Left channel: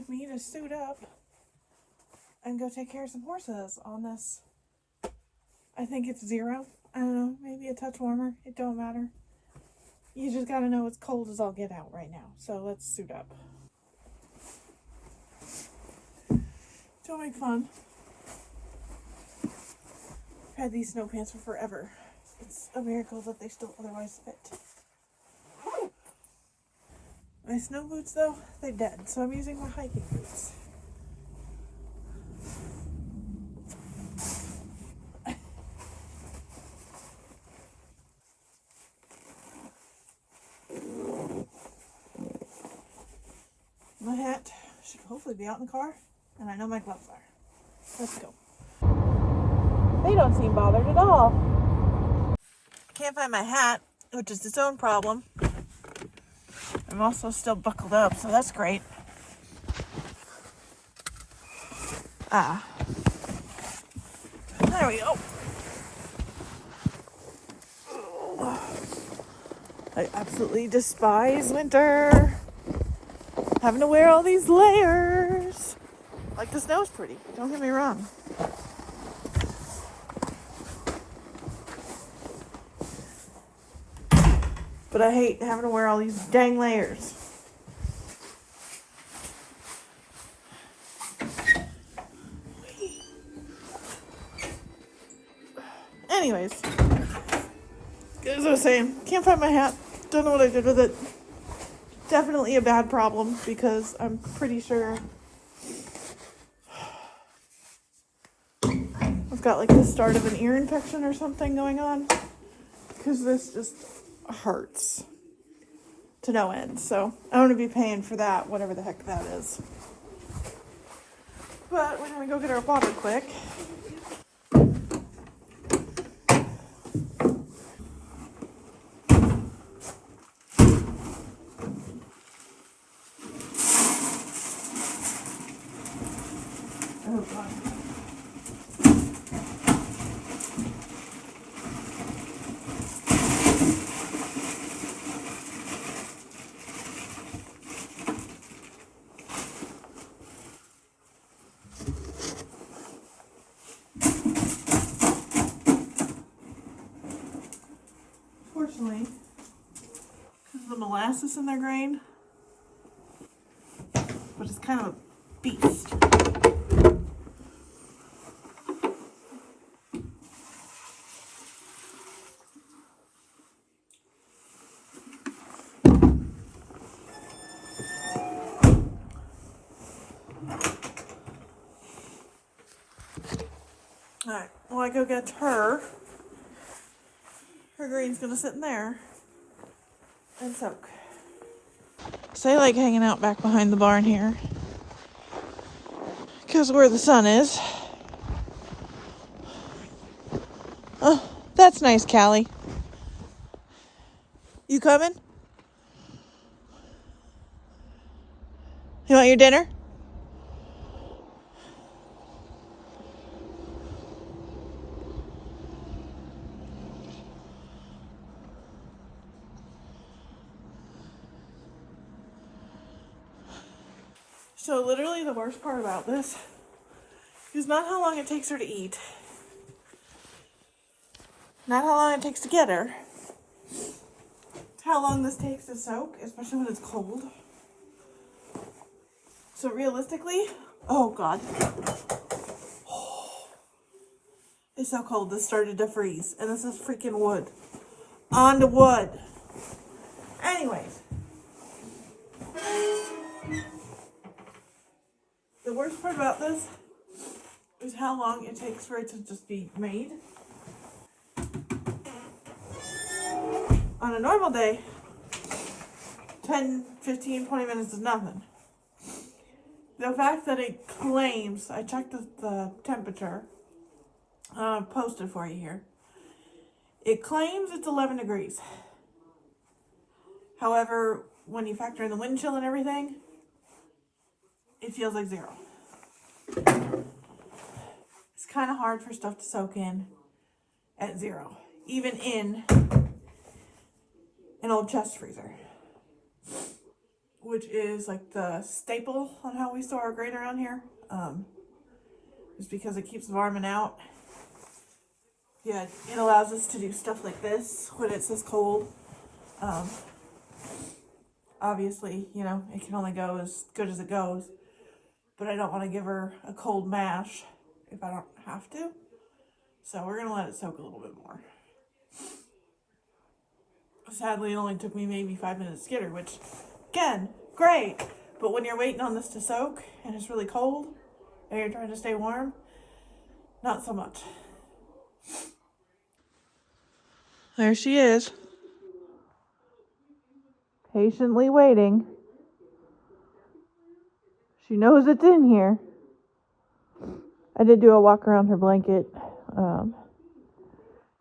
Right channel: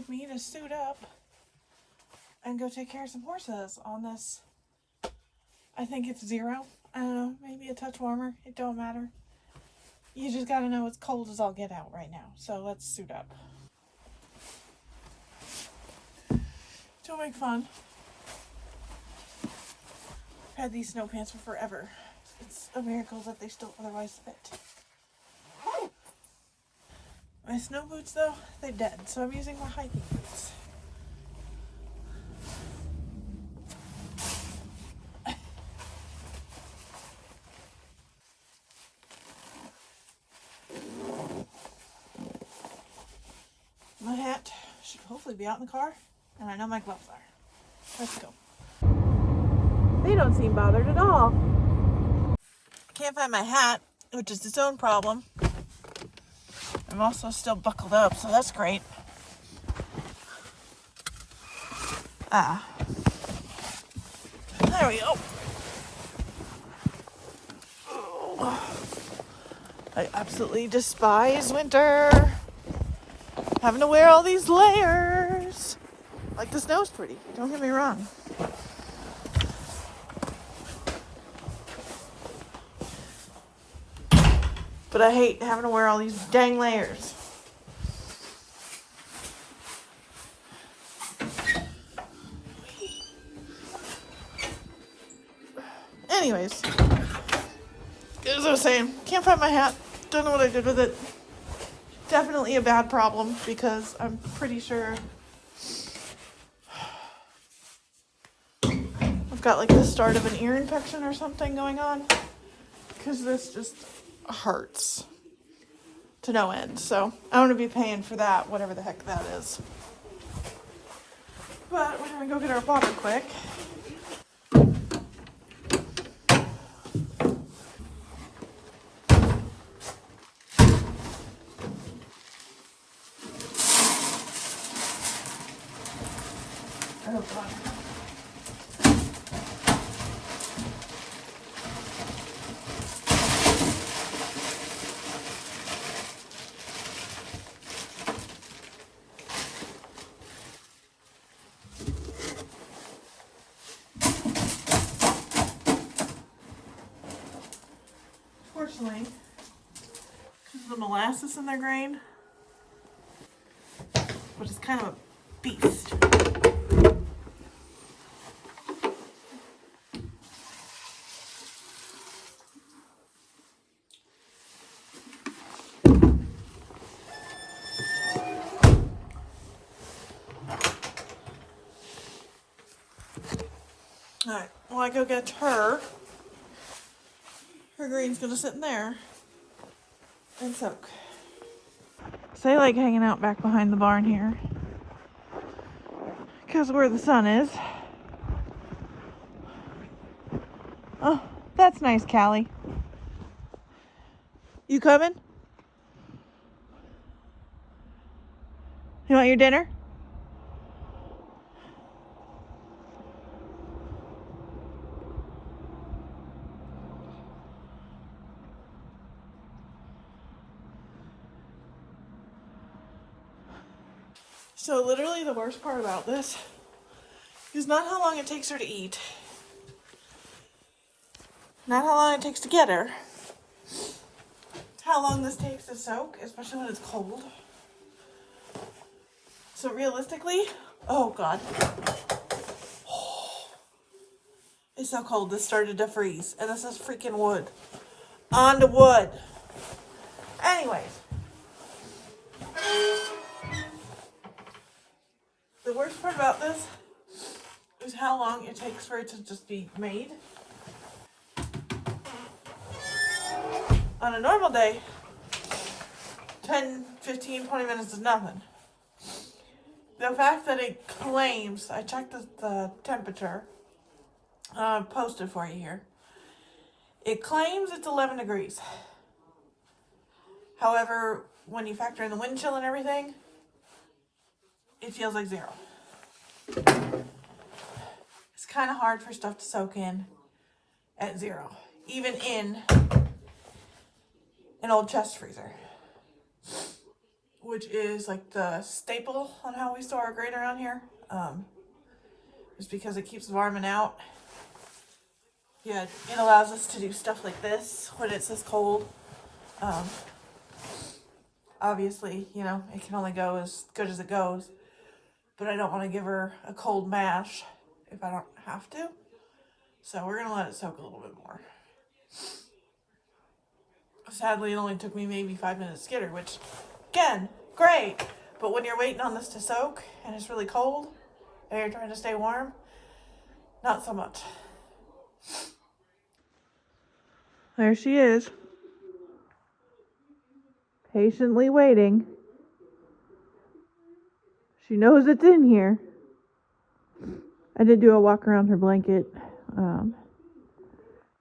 with me to suit up and go take care of some horses on this. I think it's 0. I don't know, maybe a touch warmer. It don't matter. You just gotta know it's cold as all get out right now. So let's suit up. Don't make fun. I've had these snow pants for forever. It's a miracle that they still otherwise fit. My snow boots though, they're dead. So I'm using my hiking boots. My hat should hopefully be out in the car, and I know my gloves are. Let's go. They don't seem bothered at all. Can't find my hat, which is its own problem. I'm also still buckled up, so that's great. There we go. I absolutely despise winter. Having to wear all these layers. Like, the snow's pretty, don't get me wrong. But I hate having to wear all these dang layers. Anyways, as I was saying, can't find my hat. Don't know what I did with it. Definitely a bad problem because I'm pretty sure I've got like the start of an ear infection or something going on, because this just hurts to no end. So I'm going to be paying for that, whatever the heck that is. But we're going to go get our water quick. Oh, God. Fortunately, because of the molasses in their grain, but it's kind of a beast. Alright, well, I go get her. Her grain's gonna sit in there and soak. So I like hanging out back behind the barn here, because where the sun is. That's nice, Cali. You coming? You want your dinner? So literally the worst part about this is not how long it takes her to eat. Not how long it takes to get her. It's how long this takes to soak, especially when it's cold. So realistically, oh God. It's so cold, this started to freeze. And this is freaking wood. On the wood. Anyways. The worst part about this is how long it takes for it to just be made. On a normal day, 10, 15, 20 minutes is nothing. The fact that it claims, I checked the temperature, posted for you here. It claims it's 11 degrees. However, when you factor in the wind chill and everything, it feels like 0. It's kind of hard for stuff to soak in at 0, even in an old chest freezer. which is like the staple on how we store our grain around here. Just because it keeps varming out. Yeah, it allows us to do stuff like this when it's this cold. Obviously, you know, it can only go as good as it goes, but I don't want to give her a cold mash if I don't have to. So we're gonna let it soak a little bit more. Sadly, it only took me maybe 5 minutes to get her, which, again, great. But when you're waiting on this to soak and it's really cold and you're trying to stay warm, not so much. There she is. Patiently waiting. She knows it's in here. I did do a walk around her blanket.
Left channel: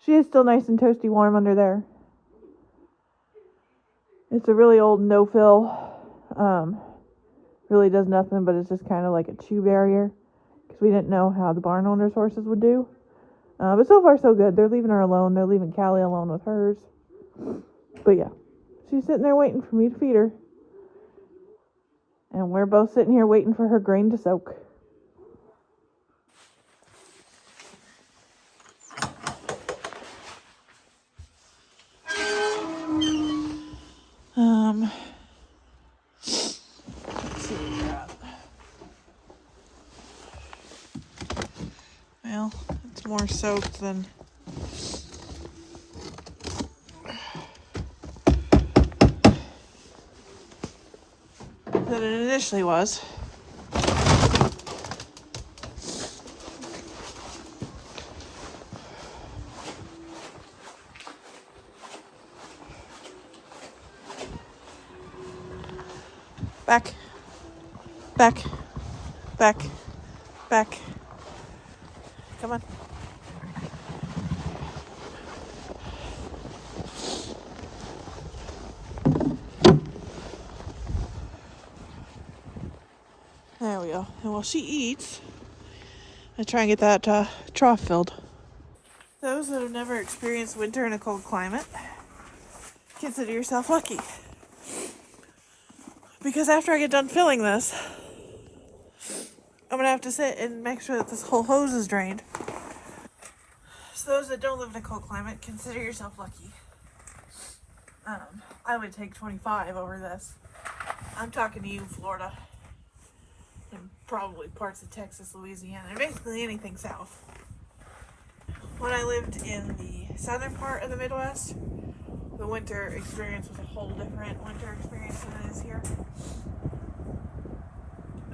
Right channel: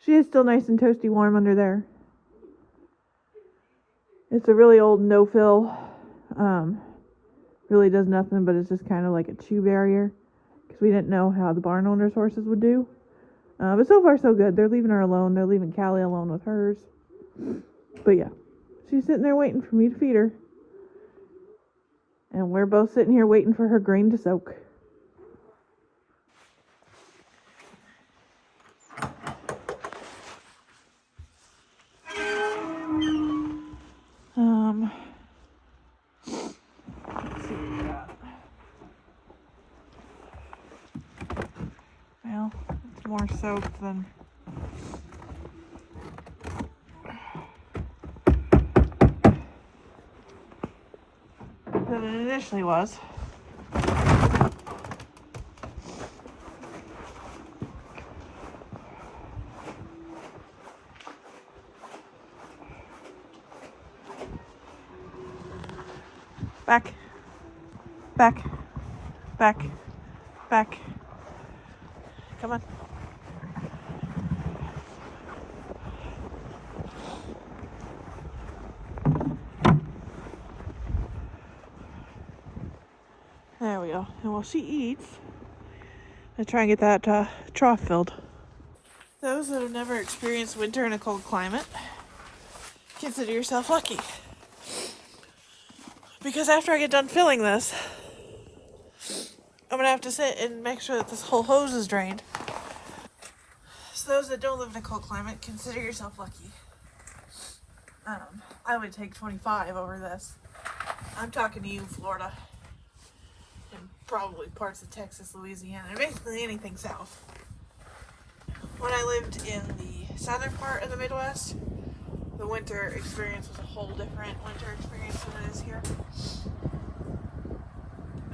She is still nice and toasty warm under there. It's a really old no-fill. Really does nothing, but it's just kind of like a chew barrier. Because we didn't know how the barn owner's horses would do. But so far so good. They're leaving her alone. They're leaving Cali alone with hers. But yeah. She's sitting there waiting for me to feed her. And we're both sitting here waiting for her grain to soak. Let's see what we got. Well, it's more soaked than it initially was. Back, back, back, back. Come on. There we go. And while she eats, I try and get that trough filled. Those that have never experienced winter in a cold climate, consider yourself lucky. Because after I get done filling this, I'm going to have to sit and make sure that this whole hose is drained. So those that don't live in a cold climate, consider yourself lucky. I would take 25 over this. I'm talking to you, Florida. And probably parts of Texas, Louisiana, and basically anything south. When I lived in the southern part of the Midwest, the winter experience was a whole different winter experience than it is here. It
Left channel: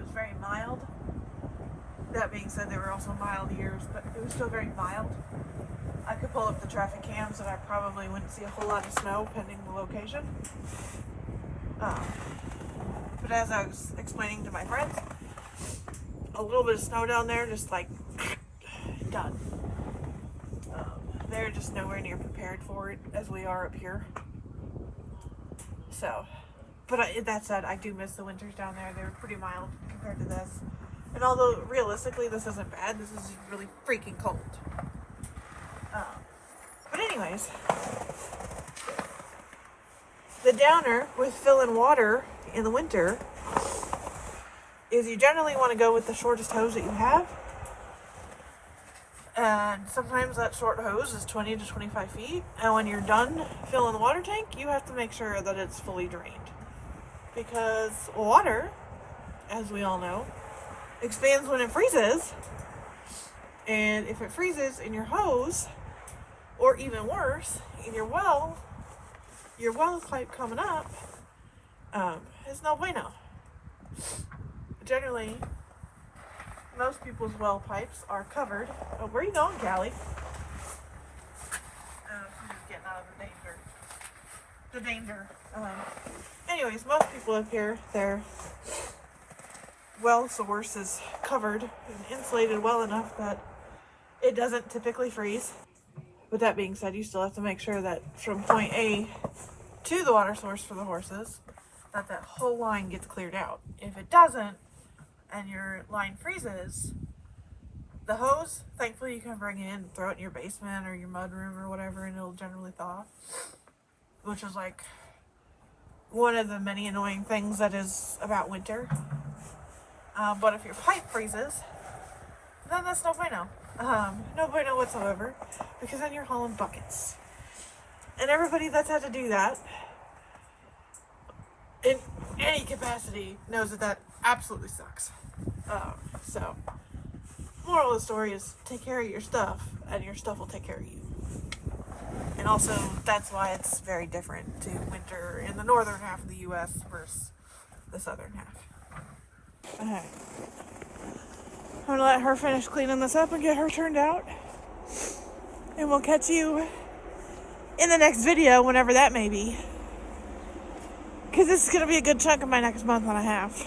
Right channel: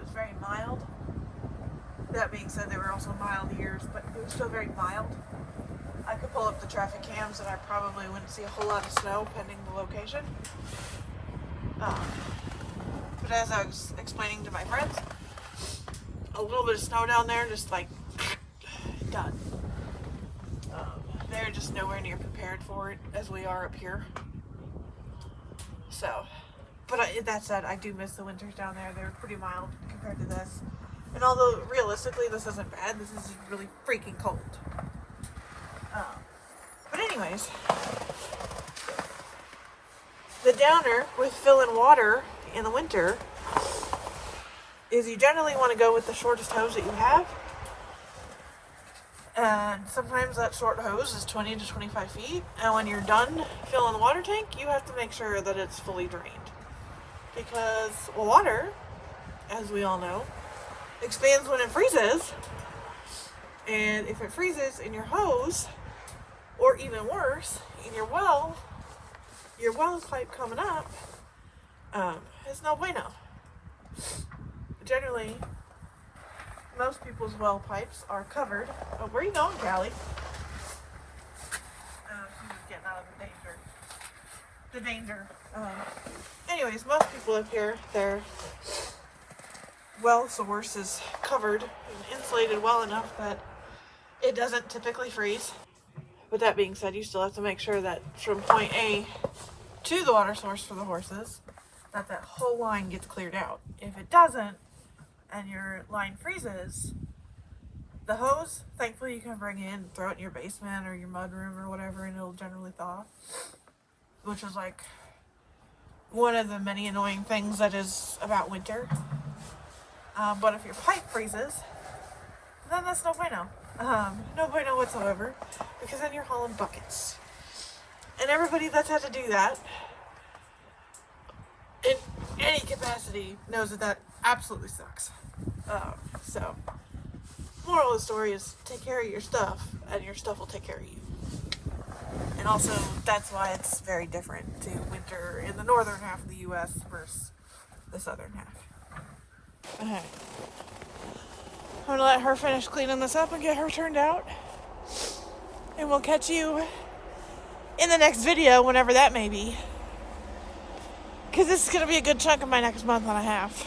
was very mild. That being said, there were also mild years, but it was still very mild. I could pull up the traffic cams and I probably wouldn't see a whole lot of snow pending the location. But as I was explaining to my friends, a little bit of snow down there, just like done. They're just nowhere near prepared for it as we are up here. So, but that said, I do miss the winters down there. They were pretty mild compared to this. And although realistically this isn't bad, this is really freaking cold. But anyways, the downer with filling water in the winter is you generally want to go with the shortest hose that you have. And sometimes that short hose is 20 to 25 feet. And when you're done filling the water tank, you have to make sure that it's fully drained. Because water, as we all know, expands when it freezes. And if it freezes in your hose, or even worse, in your well pipe coming up, is no bueno. Generally, most people's well pipes are covered. Oh, where are you going, Cali? She's getting out of the danger. Anyways, most people up here, their well source is covered and insulated well enough that it doesn't typically freeze. With that being said, you still have to make sure that from point A to the water source for the horses, that whole line gets cleared out. If it doesn't, and your line freezes, the hose, thankfully you can bring in, throw it in your basement or your mud room or whatever, and it'll generally thaw. Which is like one of the many annoying things that is about winter. But if your pipe freezes, then that's no bueno. No bueno whatsoever, because then you're hauling buckets. And everybody that's had to do that in any capacity knows that absolutely sucks. So, moral of the story is take care of your stuff, and your stuff will take care of you. And also, that's why it's very different to winter in the northern half of the U.S. versus the southern half. I'm gonna let her finish cleaning this up and get her turned out. And we'll catch you in the next video, whenever that may be. Because this is gonna be a good chunk of my next month and a half.